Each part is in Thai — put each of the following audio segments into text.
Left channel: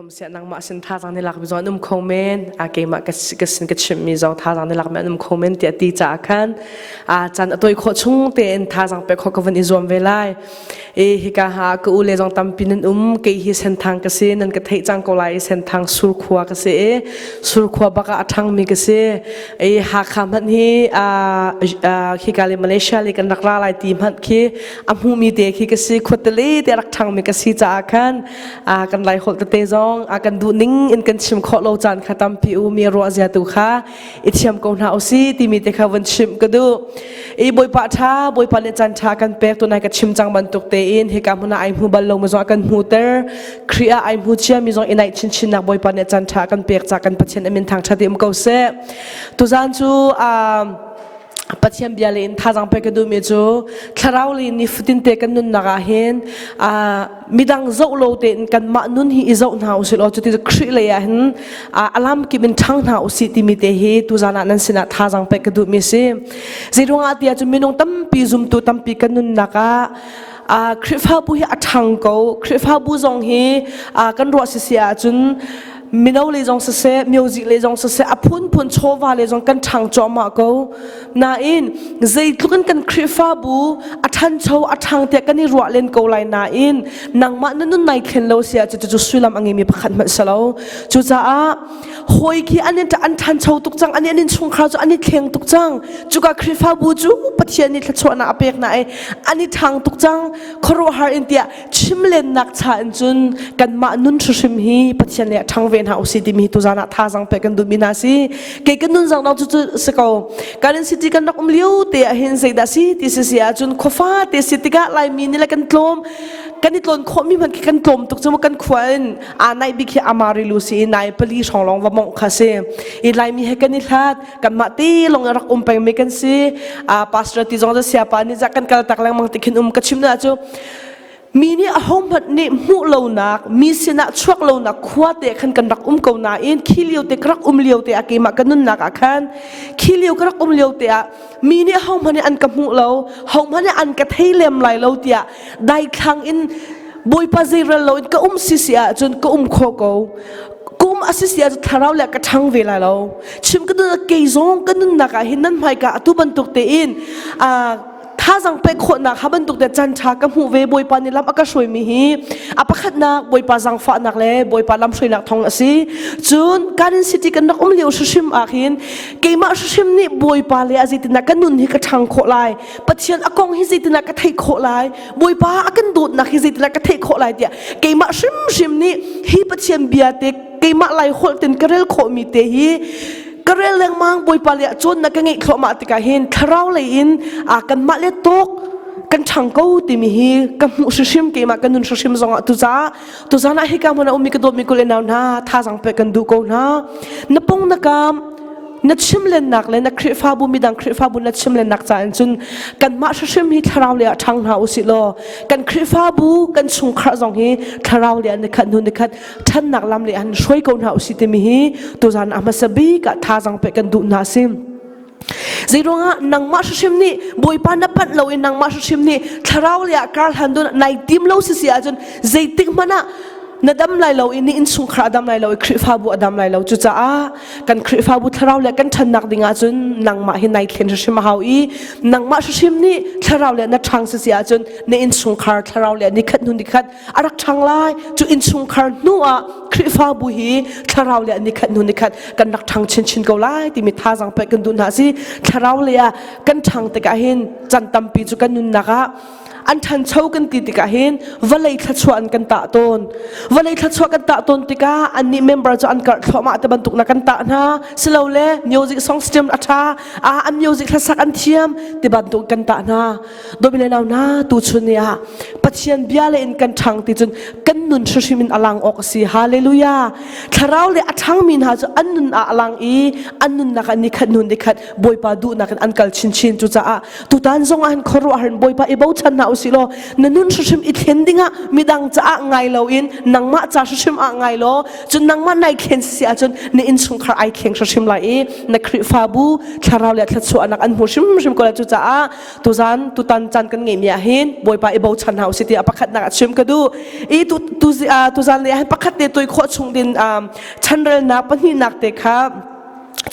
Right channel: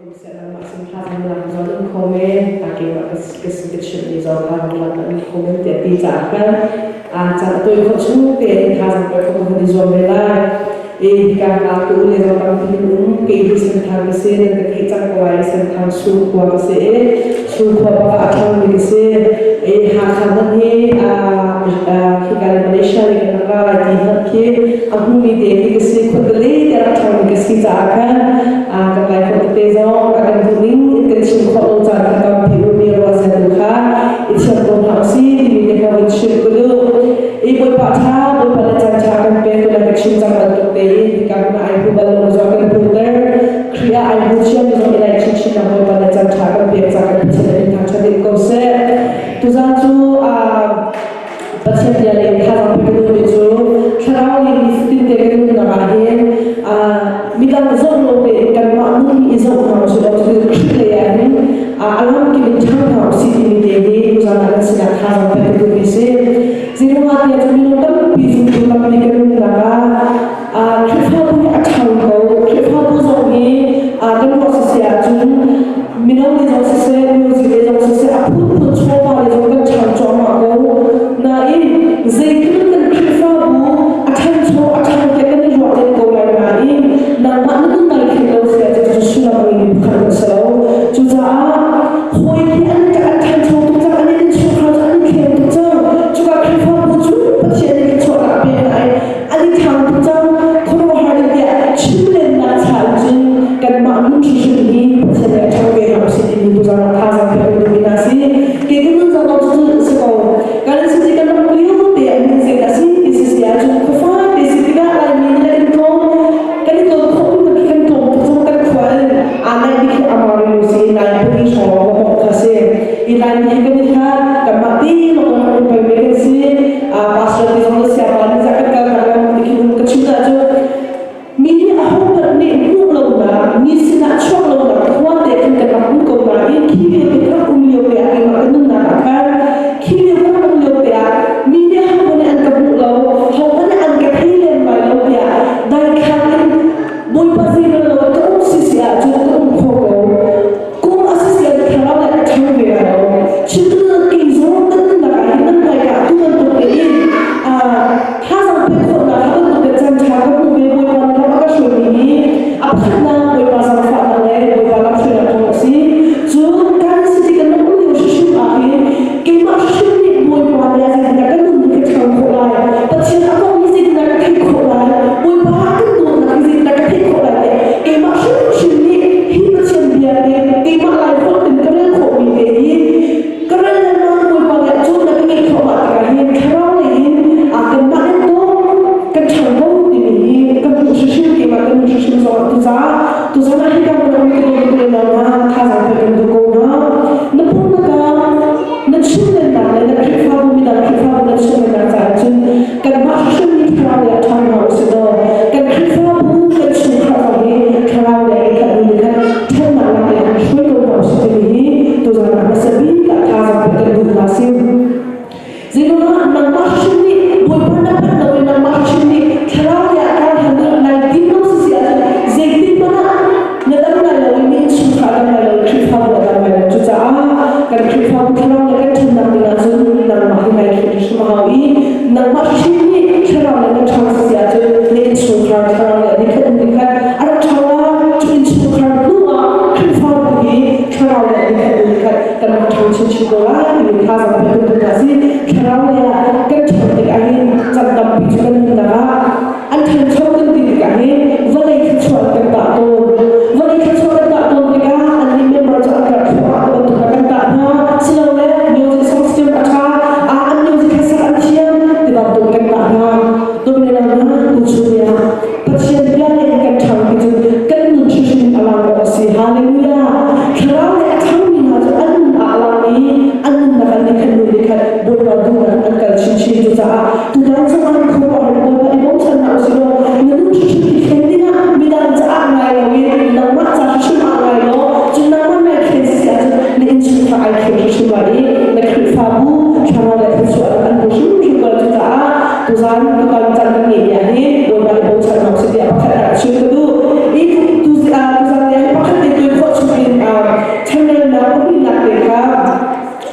คมเสียนังมาสินท่าสังนิลักจอนุ่มคอมเมนต์เก่งมากกระชิมมีจอท่าสังนิลักนุ่มคอมเมนต์เตียตีจากกันจันตัวคนชุ่งเตียนท่าสังไปคนกับวันนี้จอเวลากาหากูเลยจงตามพินนุ่มเกี่ยเส้นทางกษีนั่นก็เทจังก็เลยเส้นทางสู่ขวากษีสู่ขวาปะกะทางมีกษีหาคำนั้นที่การในมาเลเซียนี่ก็นักล่าลายทีมันที่หุ่นมีเด็กที่กษีคนตะลีเดรักทางมีกษีจากกันกันหลายคนตะเตจงกันทุนิ่งอินกันชิมขอโลจันขัดตามผิวมีรัวเสียตุค่ะอิเชียมกงหาวซีที่มีเด็กวันชิมก็ดูบอยปะท่าบอยปะในจันทากันเป็นตัวนั้นกันชิมจังมันตุกเตยที่การมันไอผู้บาลงมาจอกันพูดเตอร์ครีอาไอผู้เชี่ยวมีจงอินไอชินนะบอยปะในจันทากันเปียกจากกันพิจารณาเป็นทางชาติมเกาเซ่ตุจันจูปัจจัยเดียร์ท่าจังไปกันดูมีจูคราวนี้นิฟตินเตกันนุ่นนักเห็นมีดังเจ้าโลเตกันมานุ่นที่อิจฉาทางสิเราจะได้คริเลยเห็นอารมณ์ที่เป็นทางทางสิที่มีเดเหตุตุจันนั้นสินะท่าจังไปกันดูมีเซ่สิ่งที่ว่าที่จะมีน้องตั้มปีจุ่มตุตั้มปีกันนุ่นนักคริฟ้าบุยอัฐังเขาคริฟ้าบุจงฮีกันรัวสิเสียจุนมีน้องเลยจงเสียมิวสิกเลยจงเสียพูดโชว์ว่าเลยจงกันทางจอมเขาน่าอินใจทุกันกันคริฟ้าบุอัฐังโชว์อัฐังแต่กันที่รัวเล่นเขาเลยน่าอินนักมันนั่นไม่ขึ้นเราเสียจุดสุดละมังมีพันมันสลาวจุดจ้าหอยที่อันนี้จะอัฐังโชว์ตุกจังอันนี้ชุ่มข้าวอันนี้เค็มตุกจังจุกคริฟ้าบุจุปัจจัยนี้ชวนอาเปียกไหนอันนี้ทางตุกจังคนรู้หาอินเดียชิมเล่นนักชาจุนกันมานุ่นชุชิมฮีปัจจัยนี้ทางเวทเอาสิที่มีตุจานาท่าสังไปกันดูมินาซีเก่งกันนุ่นจังเราจุดสกาวการสิ่งที่กันนักเลี้ยวเตะเห็นสิ่งนั้นสิที่เสียจุดขฟ้าที่สิ่งที่กันลายมีนี่แหละกันโตกันที่ตัวคนมีมันกี่กันโตตุกจังกันขวัญนายไม่แค่อามาริลูซีนายเป็นที่ชงเราก็บอกค่ะเสียอีลายนี้กันที่ท่ากันมาตีลงเราคงไปไม่กันสิบาสระที่จงจะเสียบานี่จากกันกันตั้งแต่วันที่คิดนุ่มกันชิมได้จุมีนี่อาหงบัดนี่หูเหล่านะมีสินะช่วงเหล่านะขวานเด็กขันกันรักกูนะอินขี้เลี้ยวเด็กรักเลี้ยวเด็กกี่มากันนั่นนักกันขี้เลี้ยวรักเลี้ยวเด็กมีนี่ห้องพันอันกับหูเหล่าห้องพันอันกับให้เลี้ยมไหลเหล่าเด็กได้ขันอินบอยภาษาเราก็สิเสียจนก็โคก็อาศัยเสียคราวแรกก็ช่างเวลาเราชิมกันนั่นกี่ซองกันนั่นนักเห็นนั่นไปกันทุกวันตกเด็กถ้าจังไปคนนะครับมันตกแต่จันทากับหูเวบอยปานี่รับก็ช่วยมีอาขันดังบอยปาสังฟานักเล่บอยปารับช่วยนักทองสิจุดการสิ่งที่กันนักอุ้งเลี้ยวชิมอาหินเกี่ยมาชิมนี่บอยปาเลยสิ่งที่นักกันนุ่นนี่ก็ช่างโคลายปัจเจียนอากงสิ่งที่นักก็เทโคลายบอยปาอากันตุนนักสิ่งที่นักก็เทโคลายเนี่ยเกี่ยมาชิมนี่ฮิปัจเจียนเบียดเด็กเกี่ยมาไล่คนถึงกระเรื่องโคมีเดียกระเรื่องมังบอยปาเนี่ยจุดนักก็เงี้ยเข้ามาติกาหินคราวเลยหินกันมาเล่นโต๊ะกันช่างกูที่มีกันมุสชิมที่มากันนุ่นชิมสองตุจ้านะฮิกามันอุมิกระโดมิกุเลนานะท่าสังไปกันดูกูนะนับปุ่งนักนัดชิมเล่นนักเลยนักคริฟ้าบุมีดังคริฟ้าบุนัดชิมเล่นนักใจจนกันมาชิมนี่คราวเดียวทำหาสิโลกันคริฟ้าบุกันชุ่มคราสองฮีคราวเดียวในขันดูในขันท่านนักลำเดียนช่วยกูหาสิที่มีตุจ้านะมาสบีกับท่าสังไปกันดูนาซิมสิ่งที่นักมาชิมนี่บอยปานนับพัดเราเองนักมาชิมนี่คราวเดียวการหันดูในทีมเราเสียจนเจติกมันน่ะนั่นดังไงเราอินนี่สุขระดังไงเราคริฟ้าบุดังไงเราจุดจ้ากันคริฟ้าบุคราวเดียวกันฉันนักดิ่งจนนักมาเห็นในเขตชิมหาวีนักมาชิมนี่คราวเดียวกันช่างเสียจนในอินสุขระคราวเดียวดิขัดอะไรช่างไล่จุดอินสุขระนัวคริฟ้าบุฮีคราวเดียวดิขัดกันนักทางชินก็ไล่ที่มีท่าสัมไปกันตุนาซีคราวเดียวกันช่างติกาหินจันตัมปีจุกันนักอันทันเช่ากันติกาหินวันเล็กขชวนกันตาโตนวันนี้ขัดชกันตาตนติกาอันนี้เมมเบอร์จะอันกัดเข้ามาแต่บรรทุกนักกันตานะสโลว์เล่มิวสิกซองสเต็มอัชาอันมิวสิกแค่สักอันเทียมแต่บรรทุกกันตานะโดยเวลานะตูชุนยาปัจเจียนเบียเล่นกันช่างที่จนกันนุนชูชิมินอลังบอกสิฮาเลลูยาคราวเล่อัชามินหาจะอันนุนอลังอีอันนุนนักนิขันนุนนิขันบอยบาดูนักอันกัลชินจุจ้าตุตันสมัยครัวหันบอยบาเอบ่ชันนาอุสิโลนุนชูชิมินเห็นดิ้งมิดังจ้าไงเราเองนักมาจ้าชิมอะไรล้อจนนักมันในเคนเสียจนในอินสุขไอเคนชิมไหลในคริฟ้าบุคาราวเล็กส่วนนักอันผู้ชิมกันจุจ้าตุจันจันกันเงียบเห็นบอยบาเอบ่ชันนาอุสิเดียประคันนักชิมกันดูอีตุจันเนี่ยประคันเดินตัวขวดสุด din channel na pani nak dekha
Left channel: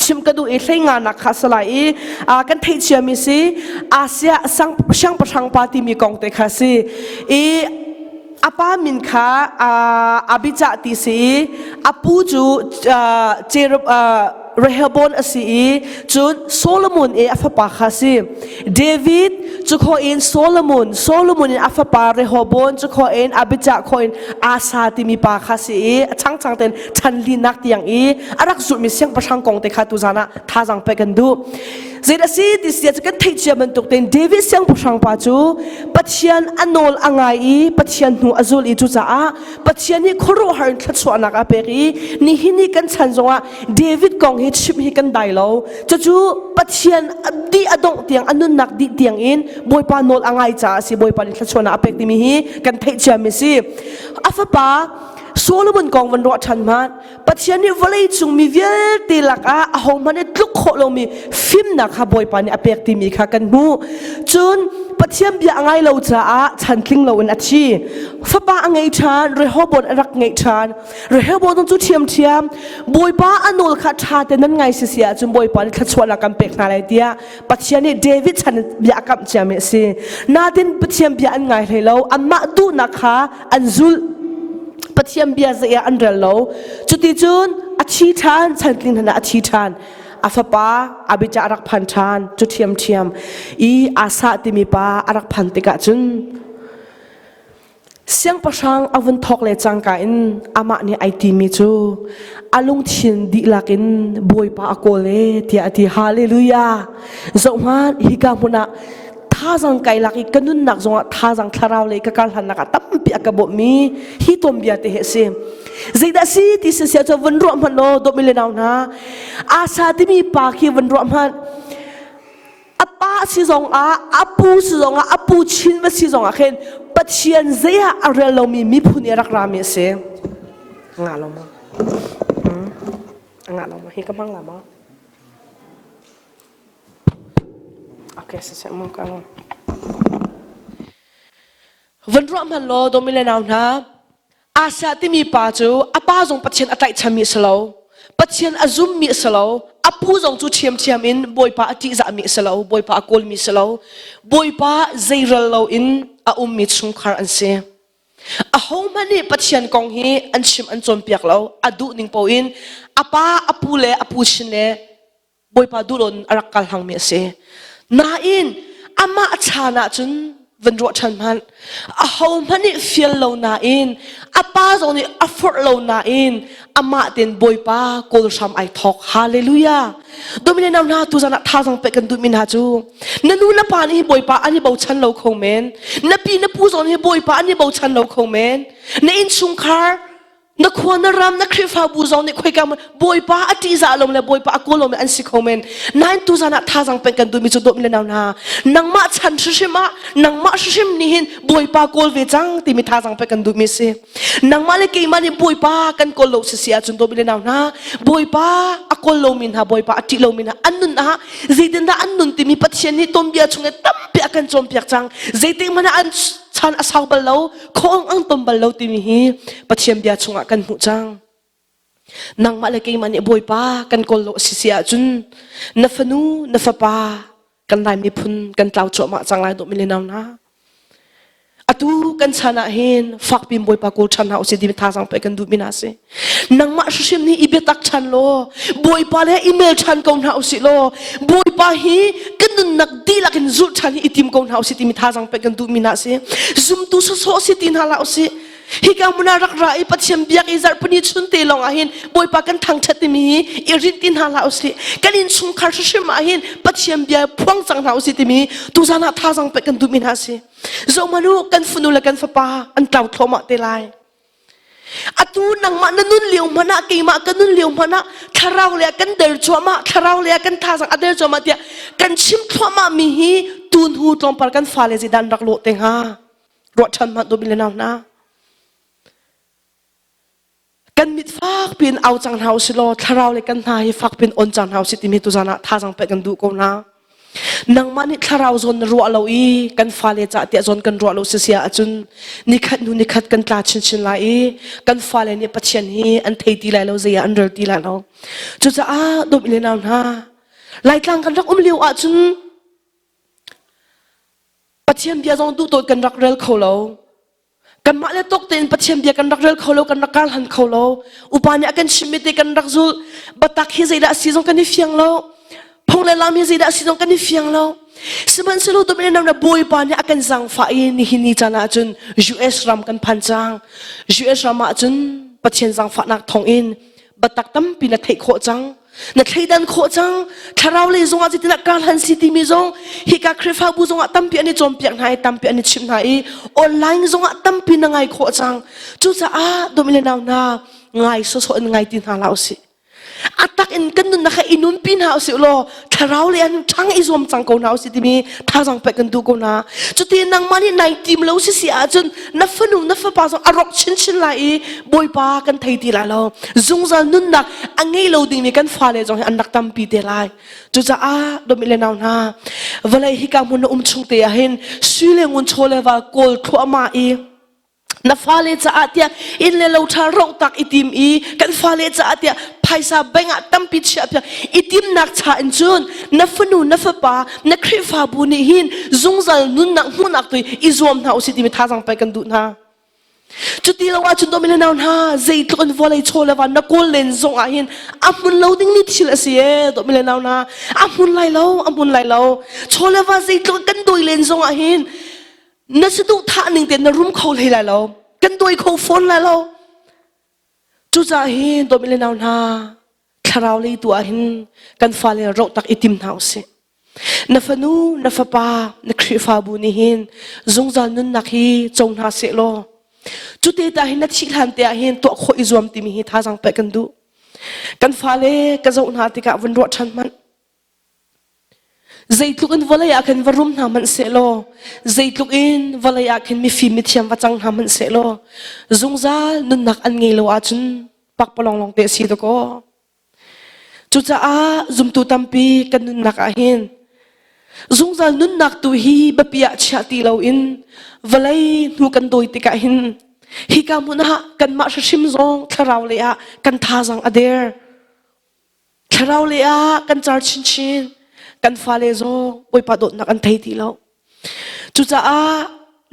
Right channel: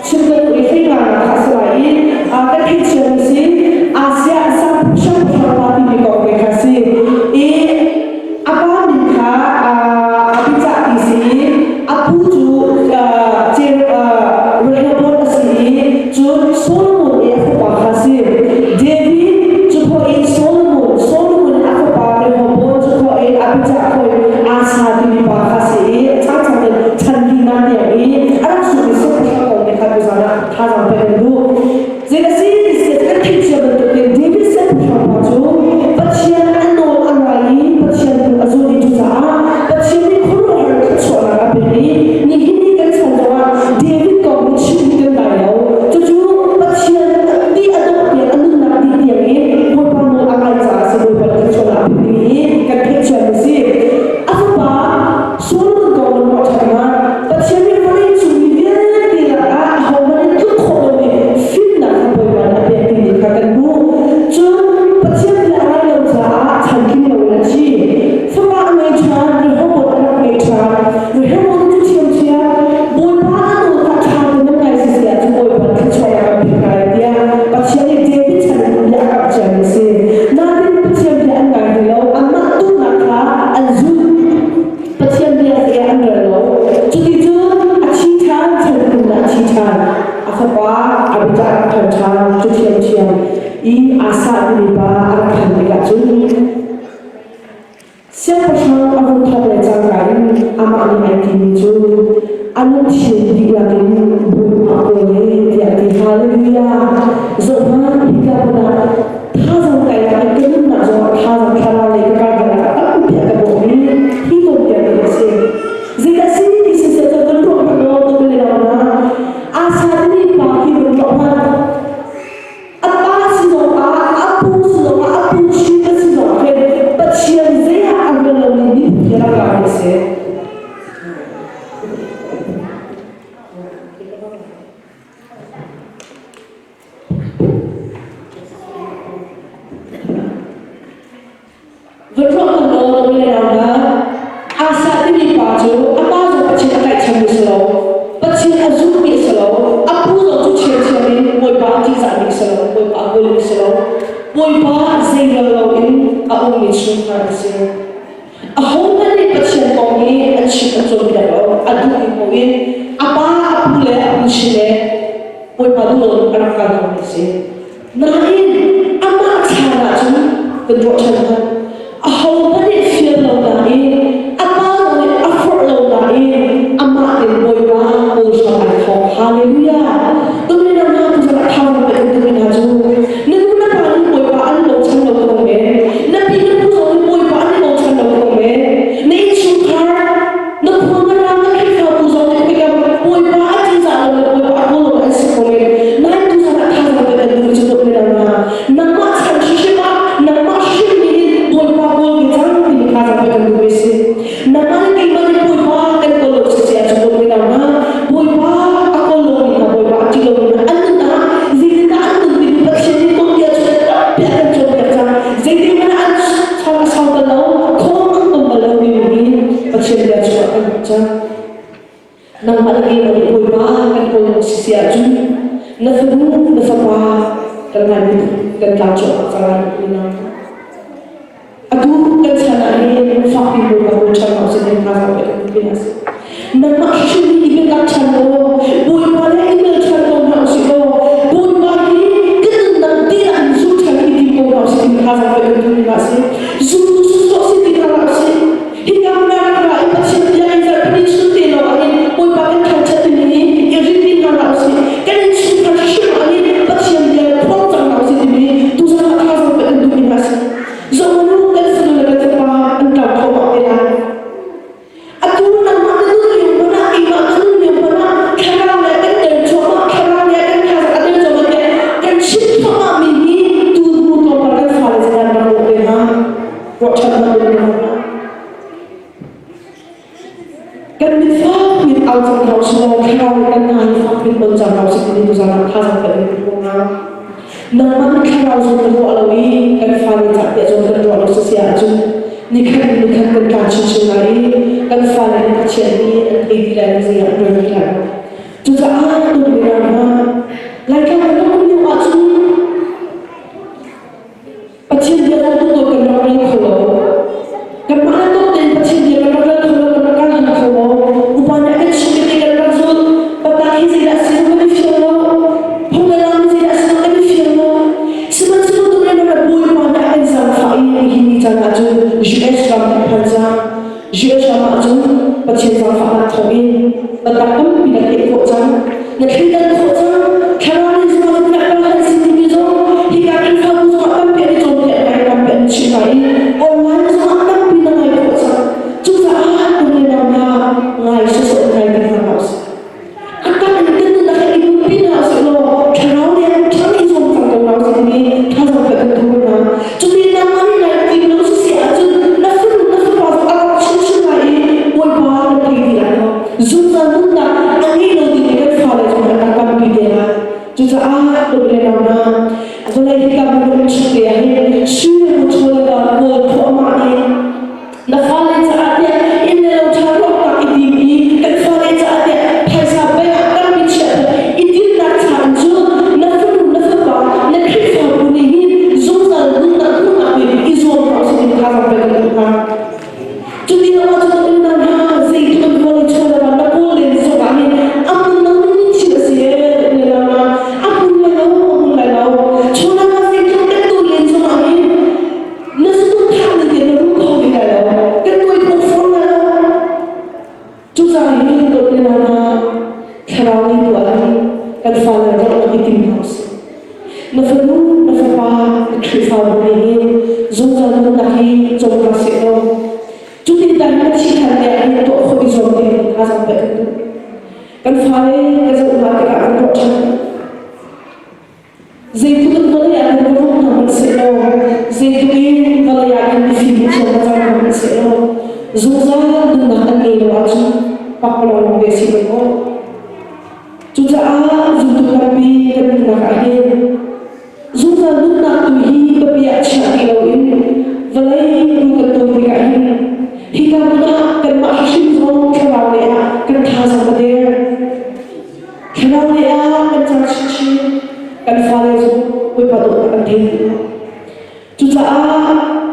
chim kanu isai nga nak khasalai ka thei chami si asia sang party mi kong dekha si aba min kha abija ti si apu chu Rehoboam asi chun Solomon afapa khasi David chu kho in Solomon in afapa Rehoboam chu kho in Abijah kho in Asa ti mi pa khasi chang den chanli nang yang arak su mi se pasang kong de kha tu sana tha jang pe kan du zira si this is kan thik che ban tok tin David se pasang pa chu pathian anol angai pathian hu azul I tu za pathian ni khoru har chu la ga beri ni hini kan chan zonga David kong hi chip hi kan dai lo chu pathian ti adok tiang anun nak ti tiang in boy pa nol angai cha si boy pa ki chona apek ti mi kan thik che mi si afapa Solomon kong wan ro chan man pathian ni valai chu mi vial ti la ka ho man tluk kho lo mi film na kha boy pa ni apek ti mi kha kan bu chun pathian bi angai lo cha chan king lo na chi fapa angai chan Rehoboam arak ngai chan Rehoboam chu thiam boy pa anol kha than nan ngai si sia chu boy pa kha chona kan pe kha rai dia pathian ni David chan ya ka chame si na tin pathian bi an ngai hello amma tu na kha anzul pathian bi sa ya under lo chuti chun achi than chan king na achi than afapa abija phan than chu thiam asa ti mi pa arak phan ti ka chun siang pasang avun thong le changkai ama ni IT mi chu alung chin dik lakin boy pa ko le dia ti hallelujah zoman higa puna thazang kai la kan nak zo thazang tharau le ka kan na ka tam pi ka bo mi hi to bia de se zida si ti se se cho van ro pa no to mi le na asa ti mi pa ki van ro pa apa si zong apu si zong apu chin ma si zong khen pathian zia arelo mi phu ni rak ra me se ngala hi ka bang lama okay se sa mo ka van ro pa no to mi le na asa ti mi pa chu apa zong pathian atai chan mi slo pathian azuk mi slo apu zong chu chiam in boy pa ti za mi slo boy pa gol mi slo boy pa zira lo in a mi chung khar an se a home ne pathian kong hi an chi an zon biak lo adu ning po in apa apule apu chine boy pa du don arak kal ham mi se na in ama achana chung van ro chan han a home ne feel lo na in apa zong ne afford lo na in ama ten boy pa kul sham ai thong hallelujah domine na tu za tha jong pe kan tu min ha chu nanu na pa ni boy pa ani bo chan lo khong men na pi na pu zong ni boy pa ani bo chan lo khong men ne in chung khar na khon na ram na khri fa bu zong ni khoi ka boy pa ati za lo na boy pa ko lo na si khong men na tu za tha jong pe kan tu mi chu dok le na nang ma chan shi ma nang ma shi ni boy pa gol ve chang ti mi tha jong pe kan tu mi si nang ma ne ke ma ne boy pa kan ko lo si sia chu dok le na boy pa akol lo min ha boy pa ati lo min an na zidin na an ti mi pathian ni tom bia chu na tam bia kan chon bia chang zidin mana an chan asam bal lo khom ang tom bal lo ti mi pathian bia chu kan chang nang ma ne ke ma ne boy pa kan ko lo si sia chun na fanu na fa pa kan nai mi phun kan tlam cho ma chang lai ni na adu kan chana in fak bin boy pa ko chana o se ti tha jang pe kan tu mina se nang ma shi ni ibe tak chan lo boy pa re email chan ko na o si lo boy pa hi kan nang ti la kan zu chan itim ko na o se ti tha jang pe kan tu mina se zum tu so se ti na o se higa muna rang ra e pathian pia ngai zar pani chun te lo ahin boy pa kan tham chat ni i rit tin hang na o se kan in su khar shi ma hin pathian bia phok chang na o se ti mi tu sa na tha jang pe kan tu mina se zo manu kan funu la kan fa an tau tho ma te lai aku nang ma na nun liu mana ke ma kan nun liu mana kharang le kan der chwa ma kharang le kan tha sa ader zo ma dia kan chim thwa ma mi hi tu tu to par kan fa le dan rang lo te nga ro chan ma to le na kan mit fa pin au jang house lo kharang le kan ngai fa pin on jang house ti mi tu sana tha jang pe kan tu ko na nang ma ni kharau zon ro lo i kan fa le cha ti zon kan ro lo se sia chun นี่คันกันตาชินไลกันฟ้าเลยในประเทศนี้อันเทดีแล้วเสียอันเดิมดีแล้วจุดจะตัวเป็นเรานะรายการกันรักอุ้มเลี้ยวจุนประเทศเดียวต้องตัวกันรักเรื่องเขาเรากันมาแล้วต้องเต้นประเทศเดียวกันรักเรื่องเขาเรากันรักการหันเขาเราอุปนิกันชีวิตกันรักสุดปัตตานีสิได้สิ่งกันที่เฟียงเราพงเลยเรามีสิได้สิ่งกันที่เฟียงเราสิ่งที่เราตัวเป็นเราเนี่ยบอยปานอากันสังไฟนี่หินี่จันอาจุนยูเอสเราพันจายูเอสเรามาจุนประเทศสังไฟนักทองอินปัตตานีเป็นนักเทคโคจังนักเทคดันโคจังถ้าเราเลยสมัตินักการหันสินี่มีจงฮิการคริฟ้าบุษวัตตั้มเปียนจนเปียนให้ตั้มเปียนชิมให้ออนไลน์สมัติตั้มเป็นยังไงโคจังจุดจะตัวเป็นเราหน้าง่ายสุดๆในที่ทางเราสิอันตั้งอันกันนึงนะคะอินุนปินเราสิโลถ้าเราเลยทั้งอิสวมสังกัดเราสิที่มีท่าสังไปกันทุกคนนะจุดที่นั่งมาที่ในทีมเราสิอาจจะนับฟันนับฟันภาษาอาหรับชินไหลบอยบากันไทยทีละเนาะซุ่มซันนั่นนะอันนี้เราดีมีกันฟ้าเลยจงอันนักตั้มปีเดลัยจุดจะตัวเป็นเราหน้าวันนี้ฮิกับมันอุ้มชุดเดียเห็นสุเลมุนโชเลว่าโกลทั่วมาเองนับฟ้าเลยจะอาจจะอินเลเราทารกตักอิดิมอีกันฟ้าเลยจะอาจจะไพศาลไปงานตั้งพิชิตอิดิมนักชาญจุดนับฟันนับฟ้านักคริฟ้าบุญหินซุ่มซันนุ่นนักหุ่นนักวิอิสวมเราสิที่มีท่าทางไปกันทุกทางจุดนี้เราว่าจุดตัวเป็นเราหน้าใจตัววันนี้โชว์เลยว่านักโกลเลนส่งอะไรอามุนเราดิ้งนิดเฉลี่ยเสียตัวเป็นเราหน้าอามุนไล่เราโชว์เลยว่าใจตัวกันตัวเลนส่งอะไรนั่นสุดทุกท่านี่เด่นรุ่งเขาเลยเรากันตัวคู่ฟอนเราจุดใจตัวเป็นเราหน้าคราวนี้ตัวเองกันฟ้าเลยรบนักอิติมเงาสินับฟันนับฟ้านักคริฟ้าบุญหินจงจานักฮีจงหาสิโลจุดที่ได้นักชิฮันเดียเห็นตัวคนอิสวมที่มีท่าสังไปกันดูกันฟ้าเลยกันจะอุณหภูมิกับรถชันมันใจทุกคนวันอยากกันวรุ่งน้ำมันเสลใจทุกคนวันอยากกันมีฟิล์มเชียงมาจังน้ำมันเสลจงจานักอันนี้เราอาจจะปังปลงเดสิตโกจุดจะจุดตัวตั้งปีกันนักเองจงจานักตัวฮีแบบอยากเชื่อที่เราอินวันเลยรู้กันตัวที่กันฮิกามันหักกันมาชิมซองคราวเลียกันท่าสังกเดียคราวเลียกันจาร์ชินกันฟ้าเลยซงไว้ปะดดนักกันไทยดีแล้วจุดจะ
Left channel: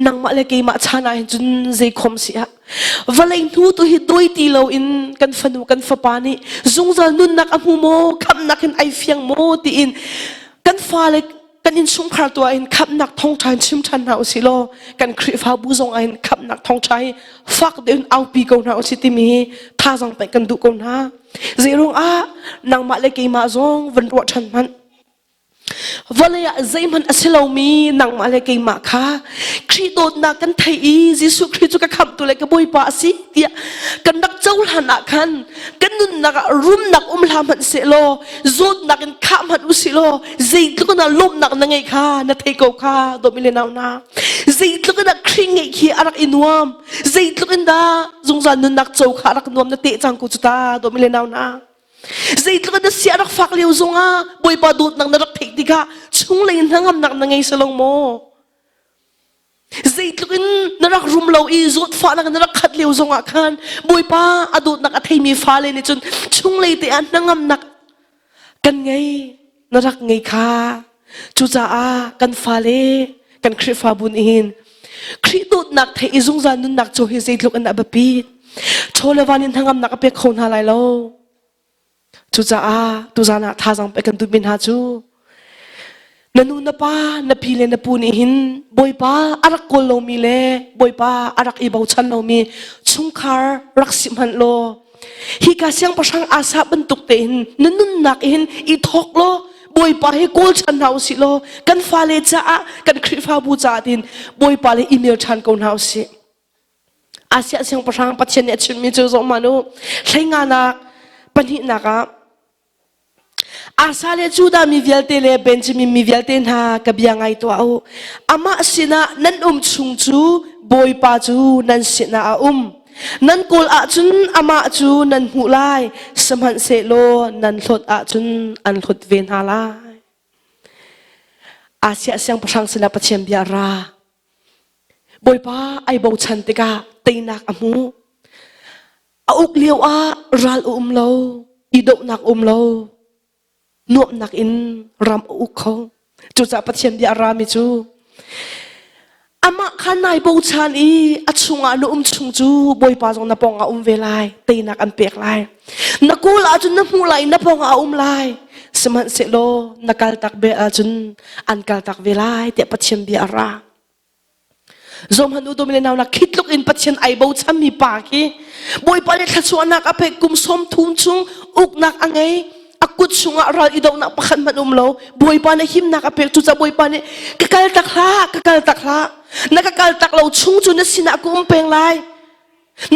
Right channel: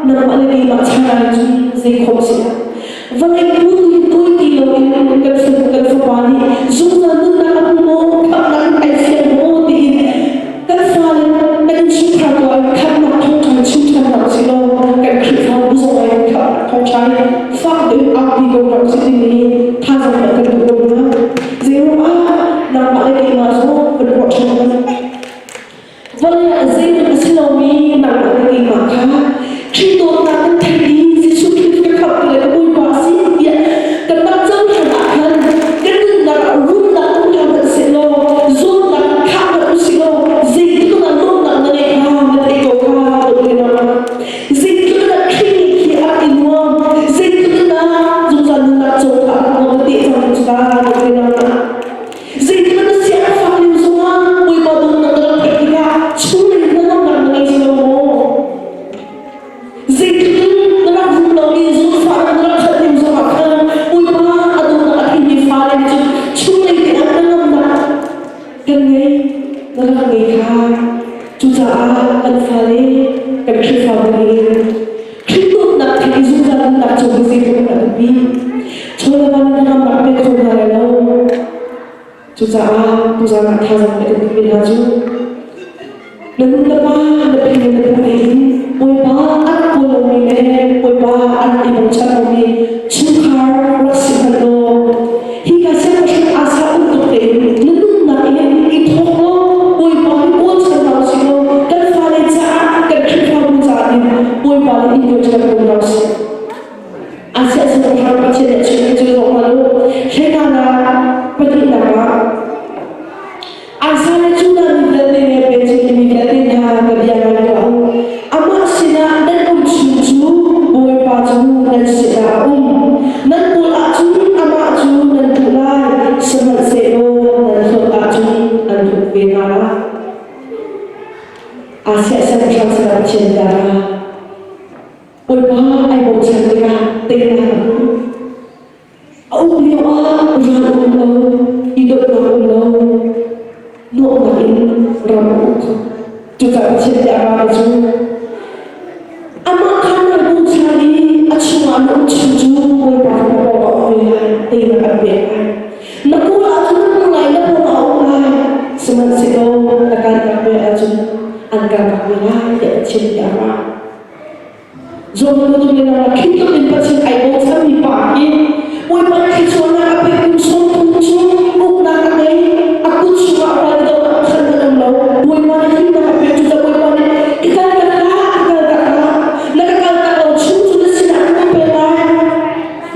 นักมาเลยกี่มาชนะจนเจคอมเสียวันเลยพูดตัวฮิตตัวที่เราอินกันฟังวานีจงจะนุ่นนักอันโมคำนักไอเฟียงโมดีอินกันฟ้าเลยกันยินสุขคราตัวอินคำนักท่องไทยชิมชันเอาสิโลกันคริฟ้าผู้ทรงไอ้คำนักท่องไทยฟังเดินเอาบีกเราสิที่มีท่าสังไปกันทุกคนนะเซโรนักมาเลยกี่มาซงวันวัชมันวันเลยใจมันสิเรามีนักมาเลยกี่มาค่ะคริสโตนักกันไทยดียิสุคริสต์ก็ขับตัวเลยก็บอยบาสิเนี่ยกันนักเจ้าหน้ากันกันนักรุ่นนักอุ้มลามันสิโลจุดนักข้ามันอุสิโลใจก็นักลบนักนั่งไงค่ะนักเอกค่ะตัวเป็นนักมาใจก็นักคริงอีกที่อะไรอินวามใจก็นักจงจันนักเจ้าค่ะนักมองกันตีจังจุดาตัวเป็นนักมาใจก็นักเสียนักฟังเลี้ยวส่งอ่ะบอยบาดูนักนักเทคนิคช่วงเลยนักนักนั่งไงสโลโมใจก็นักรุ่มเราอีจุดฟ้านักขัดเลี้ยวส่งอ่ะกันบอยบาอดูนักที่มีฟ้าเลยจนช่วงเลยที่อันนักกันไงนักไงค่ะจุดากันฟ้าเลยกันคริฟ้าบุญหินคริสต์นักที่อิสุจันนักจงเกษตรมันนักบีโชว์ละวันนี้ทั้งนักเป็นคนอะไรล่ะจุดานักท่าสังไปกันตุมินหาจูนั่นนับว่านับพี่เลนับปูนี่หินบอยบ้าอันโกลมีเล่บอยบ้าอันอีโมชันเรามีชุนคาร์รักสิมันโลฮิกาเซลก็ฉันอาสาอุตตุเองนั่นนักเองอีทอกโลบอยบ้าฮิโกชันเราสิโลกันฟ้าเลจ้ากันคริฟ้าบูจาอินบอยบ้าเลอินเดียชันก็เราสิอาเซลก็ฉันปัจจัยเนี่ยฉันมีจุดสองมาโลใช้งานนะปฏิณาอาสาเนี่ยชุดามีเวลเตเลเป็นจะมีเวลเตนหากับยังไงตัวอามาสินะนั่นชุนจูบอยปาจูนั่นสินะนั่นปุลอาจุนอามาจูนั่นปุลายสมันเซโลนั่นฟุดอาจุนอันฟุดเวนาลาอาเซียเซมชันสนับเชียนยาราบอยปาไอโบชันเน ran lo idok nak lo nuok nak in ram ko chu za pathian ni ara me chu ama khanai bo chani achuma no chu boi pa na pong ka ve lai te na ka be lai na ku la chu na mu lai na pong a lai seman se lo na kal tak be la chu an kal tak be lai te pathian ni ara zong nu do le na la khit lo in pathian ai bo cham mi pa hi boi pa le khan chu na ka be kum som thum chu uk na ka ngai akut chu ma ra idok na khan na lo boi pa na him na ka be chu za boi pa ne ka kal tak la nakakal tak lau chung chu na sina kum pe lai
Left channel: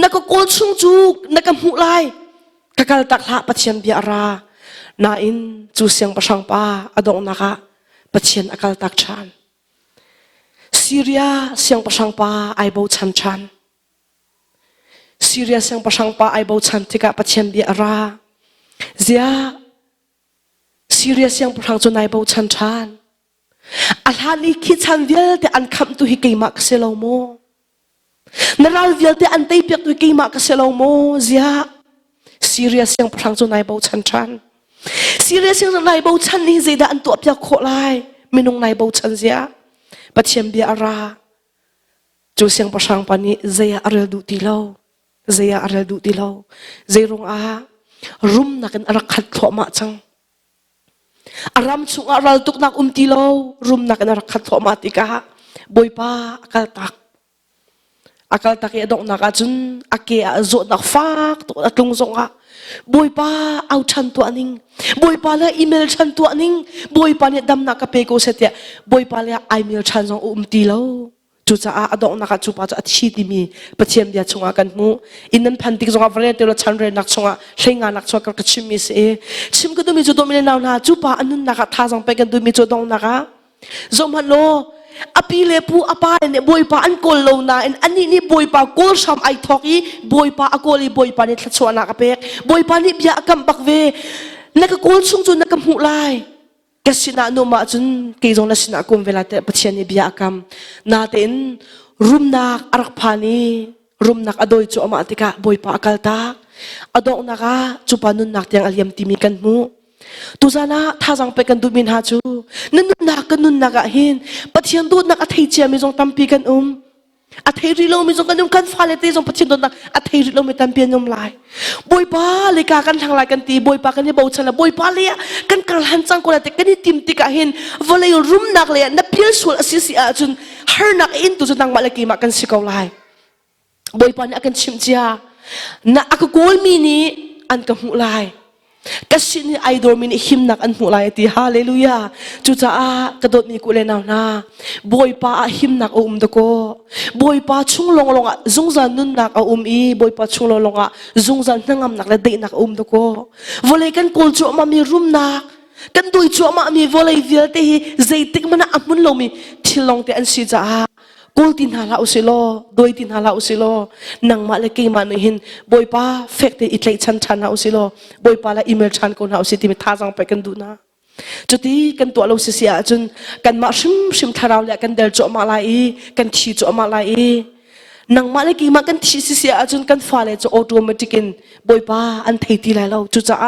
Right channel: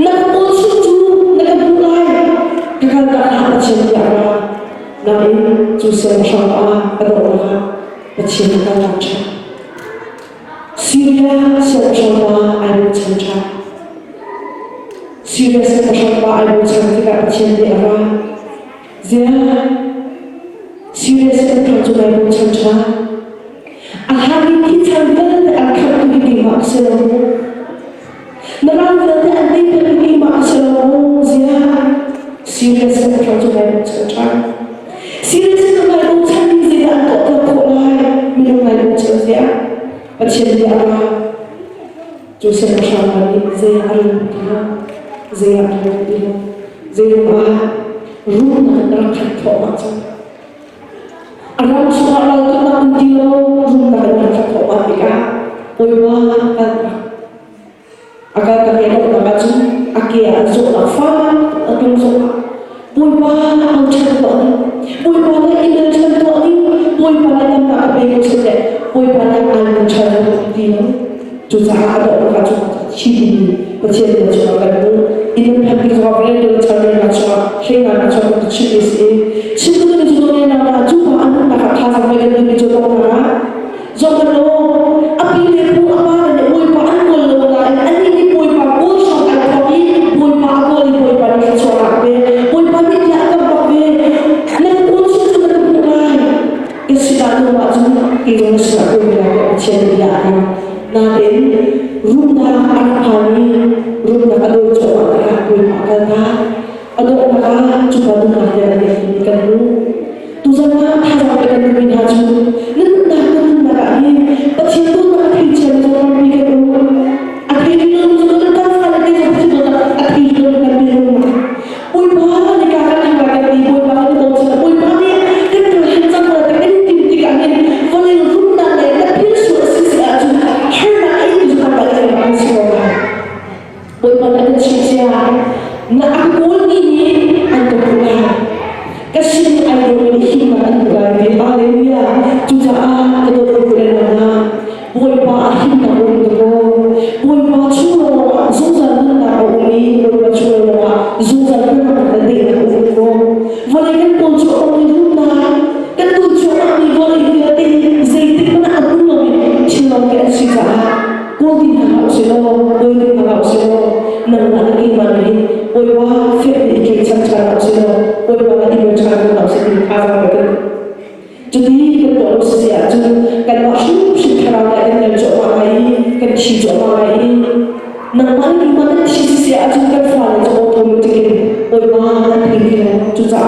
nakakol chung chu nakamu lai kakal tak ha pathian ni ara na in chu siam sang pa adong naka pathian nakal tak cha Syria siam sang pa ai bo chan chan Syria siam sang pa ai bo chan tika pathian ni ara zia Syria siam phang chu nai bo chan chan alhani thi chang vil te an kham tu hi keima ka selomo naral vil te an dei pek tu keima ka selomo zia serious yang phang chu nai bo chan chan serious yang nai bo chan ni zeda an top ya kho lai minung nai bo chan zia pathian bi ara chu siam ma sang mani zia ara du dilo zia ara du dilo zeru a rum na ra khat tho ma chang aram semua ral tuk na kuntilo rum na kana ran khatho matika boiba akal tak ya dok na kachun ake a zot na fa atung soka boiba au chan to ani boiba la email chan to ani boiba ne dam na ka pe ko sete boiba la email chan to kuntilo chu za a dok na kachun ma cha chi ni pathian ya chuma kan mu in phan pi zonga vare de lo chan re na chuma shei na na chuma ka chi is e chi ku me jo do me na na chu pa an na ka tha sam pai kan do me jo do na ka zonga no api le pu apa ne boy pa an kol lo na ani ni boy pa ko sam ai thoki boy pa a ko le boy pa ni chwa na be boy pa ni ya kam bak ve na ka kol chu chu na ka mu lai ke sina no ma chun ke zo na sina ko me la te pathian ni ya kam na in rum na arphani rum na adoi cho ma tika boy pa kal ta adok na ka chu pa nun na te ka yam ti mi kan mu tu zana tha jang pe kan du bin ha chu nan na kan nun na ka hin pathian do na ka thei che mi jong pam pi kan a thei ri lo mi jong kan kan fa le te jong pathian do na a thei ri lo mi kan pi nong lai boy pa le ka kan thang la kan ti boy pa kan ni bo chana boy pa le kan kal han cha ko la te kan ni tim ti ka hin vole rum na le na pil su si si a chu her na ka it tu sa ba le ki ma kan si ko lai boy pa na kan chin chia na a ko mi ni an ka hu lai kasin idol mini him na kan mulai di hallelujah chucha a kadot ko le na na boy pa him na to ko boy pa chulong longa zungza nun na ka umi boy pa chulong longa zungza na ngam ta dei na to ko volei kan pol cho ma mi rum na kan doi cho ma ni volei dia te zeitik mana anun lo mi thilong te an si cha ko tin hala usilo boy tin hala usilo nang ma le ki ma no hin boy pa fek ni itlei chan chan na usilo boy pa la email chan na usilo ti tha ra pa kan tu di kan to lo sia chun kan ma shim thara la kan del cho ma lai kan chi cho ma lai nang ma le ki ma kan chi sia chun kan fa le cho automatic in boy pa an thei di la lo chu cha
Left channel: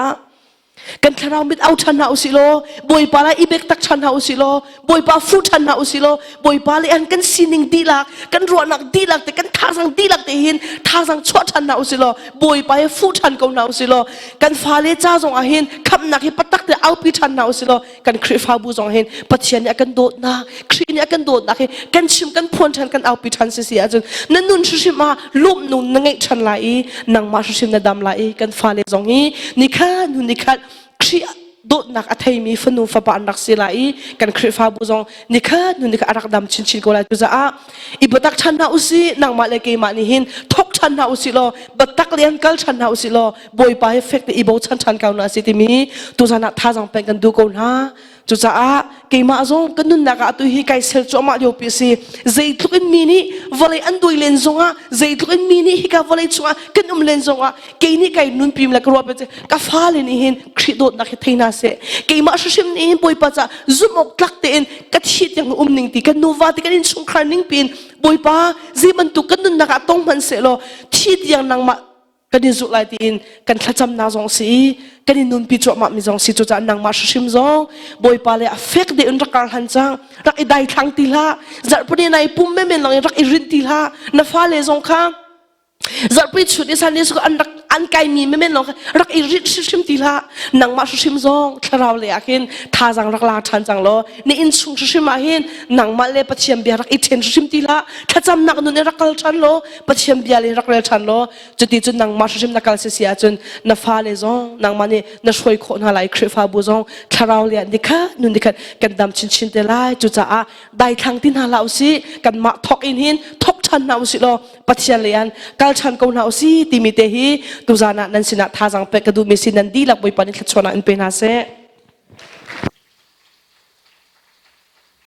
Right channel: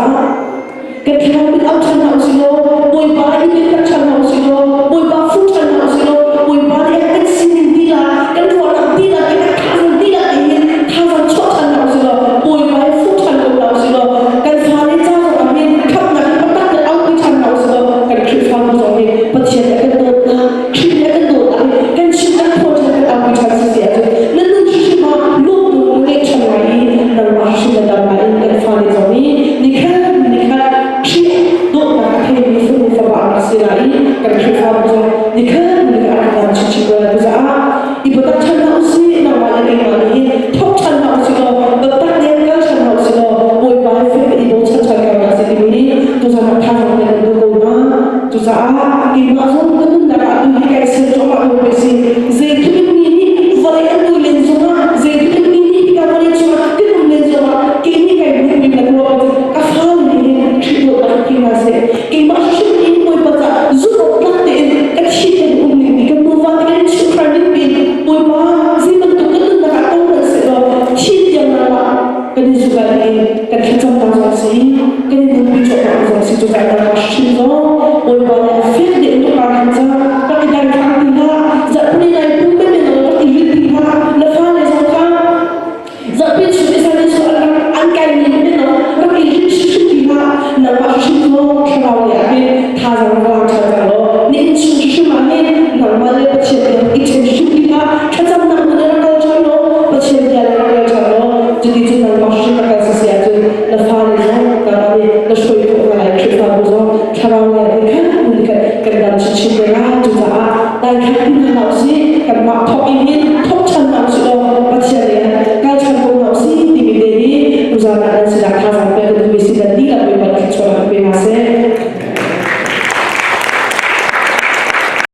kan thana min au chan na usilo boy pa la email tak chan na usilo boy pa fu chan na usilo boy pa le kan sining dila kan ro na dila kan thang dila hin thang chwa chan na usilo boy pa ya fu chan ko na usilo kan fa le cha zo a hin kham na patak na au pi chan na usilo kan khrifa ko zo hin pathian ya kan dot na khri ya kan dot na kan shin kan phon chan kan au pi chan si sia chu nan nun chi ma lup nung na ngai chan lai nang ma shin da dal lai kan fa le zo mi ni khan khri dot na ka thai mi funu fa ba na si lai kan khrifa ko zo ni khan ni ka ar dam chi chi ko lai za a ipatak chan na usi na wa le ke ma ni hin thok chan na usi lo batak le kal chan na usi lo boy pa effect i bo chan chan ka na si ti mi tu sa na tha jang le kan du ko na chu za a ke ma zo kan nun na ka tu hi kai sen jo ma do pe si zai thu mi ni vale an doi len zo ma zai thu mi ni hi ka vale chuma kan um len zo ma ke ni kai nun pim la ko ba ka fa le ni hin khri do na thai na se ke ma shim ni boy pa za zu ko tlak te ka thi te ning ti kan nu va te kan chi khran ni pin boy pa zi man tu kan nun na ka tong man se lo thi ti yang na ma kan ni zu ga ni kan khan cham na zong si kan in bi cho ma zong si chu chai na ma shim zo oi pa le affect de to ka han cha ta ki dai thak ti la za puni nai pum me men lo ta ki rit ti la na fa le zong kha za pe chu di san de so an kai ni me men lo ra ki rit shim ti la na ma shim zo kra le a hin tha zang la cha chang lo ni in su shim ma hin na ma le pa chem be i chen shim ti la cha cham na nu ne ra kal chan lo pa chem dia le ra kal chan lo jadi jun nang ma shim la kal si sia jun na fa le zo na ma ne na shoi kho na lai khri fa bo zo kra le a dikha nu dikha kan dam chi chi de la chu cha a dai khak tin ha lao si kan ma thok in hin thok chan nau si lo pa chen le yan kal chan ko nau si ti mi te hi tu za na na sina kha jang pe ka du mi si dan ti la pui pan ki chona pe na se